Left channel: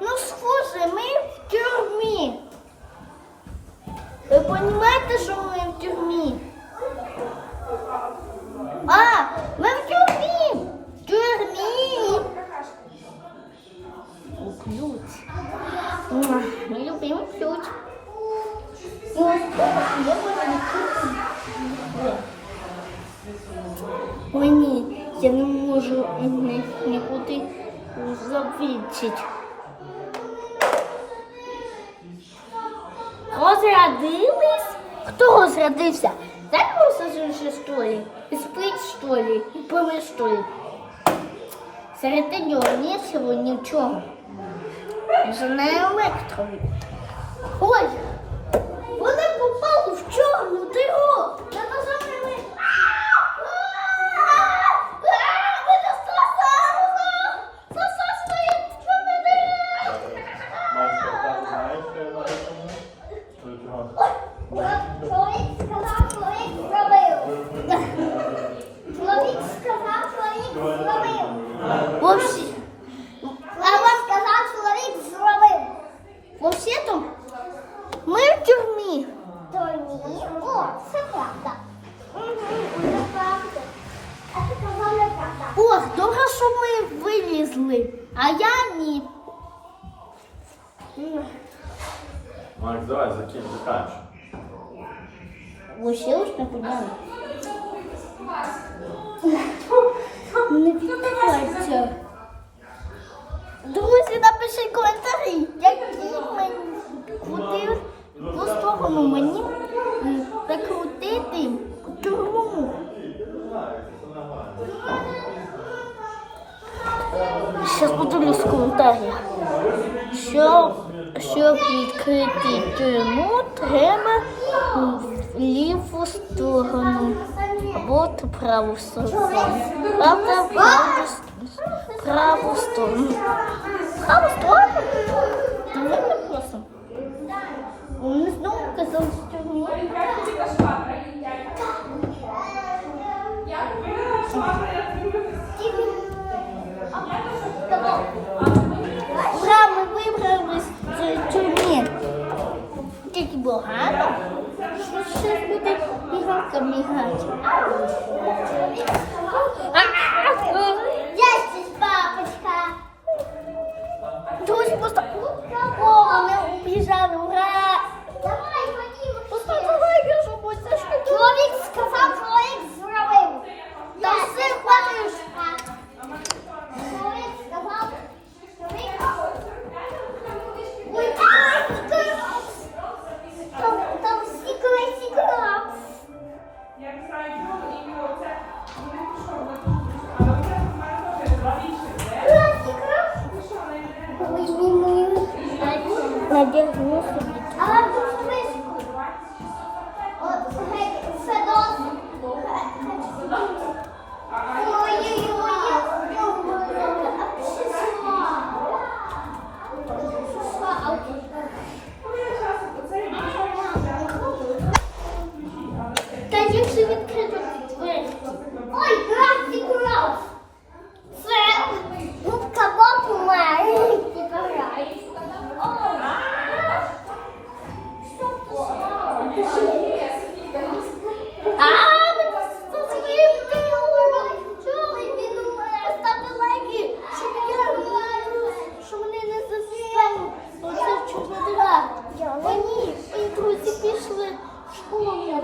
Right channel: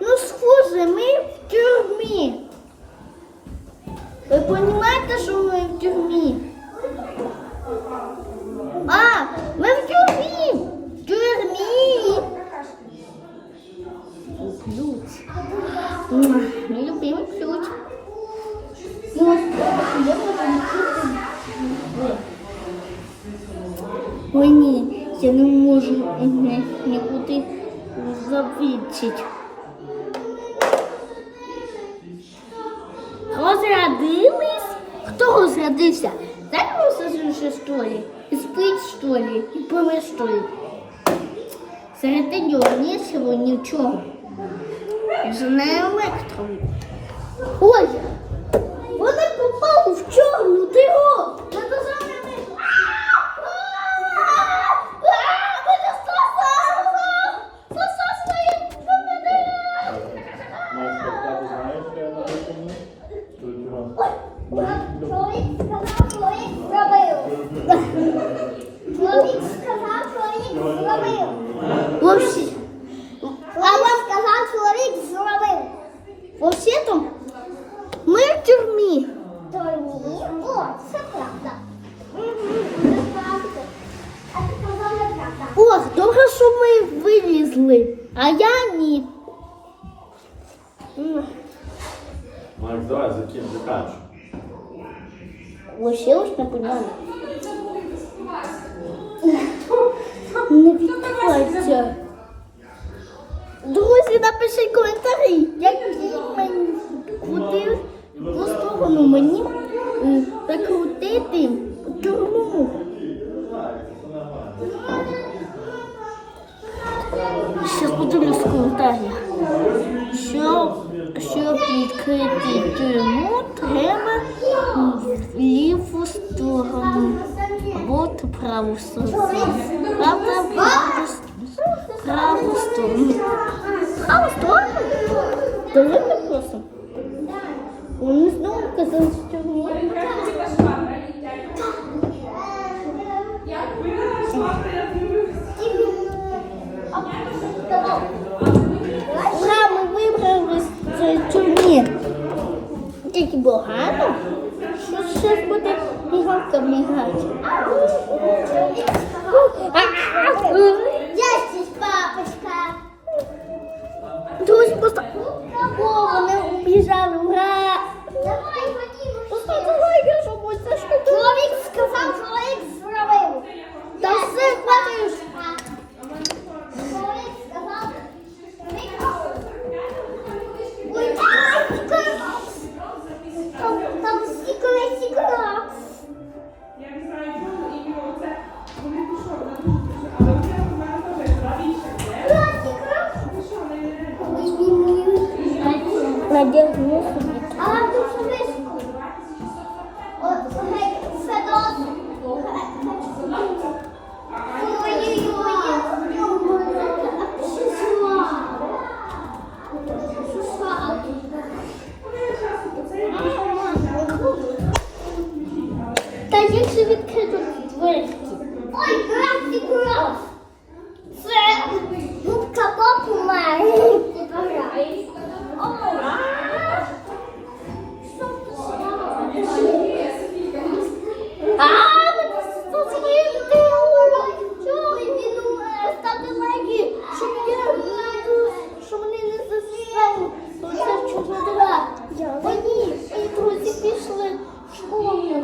Ну, схоже, ми в тюрмі. Ви розумієте, що ми в тюрмі? А, ми в тюрмі! В тюрмі! Ключ. Мій любимий ключ. Є. Ой, ні, я не можу нікуди завідчити. Розрядились? Хто розрядився? Зараз вже що ли? І спить, що ли? І помер, що ли? Серед нього нічого, нічого. Вже не електро. Ой, вони попали в чорну диру. Чоловік сказав, чоловік зробив. Чоловік сказав, чоловік зробив. Вообще, Чоловік сказав, чоловік зробив. вообще-то ми в тюрмі. То ні. О, це правда. Мгм, Це правда. А ти казав неправда. Ох, добре, що ми вилізли, а я ні. М, Макс, давай, закинь, заканчивай. Вообще уж не поняла. Не відкривається. Друзі, напишіть коментарі, які мені куди в сторону мені закрутити тюрму. Зараз подивлюсь. Що, щоб відкрити тюрму, треба ліву сторону або в праву сторону. Правда, праву праву сторону. Праву сторону? Довольно просто. Вони знову казали, що тюрму. tem que borrar, não? Deixa eu botar minhoca, minhoca. Deixa os papas cá. Então, se postar. Надягну собі. Але дуже високо. От. Ні, і друзі пішли в школу.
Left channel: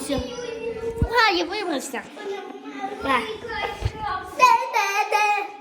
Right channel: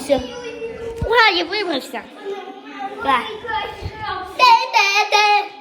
вибрався. Ура, я вибрався. Те-те-те.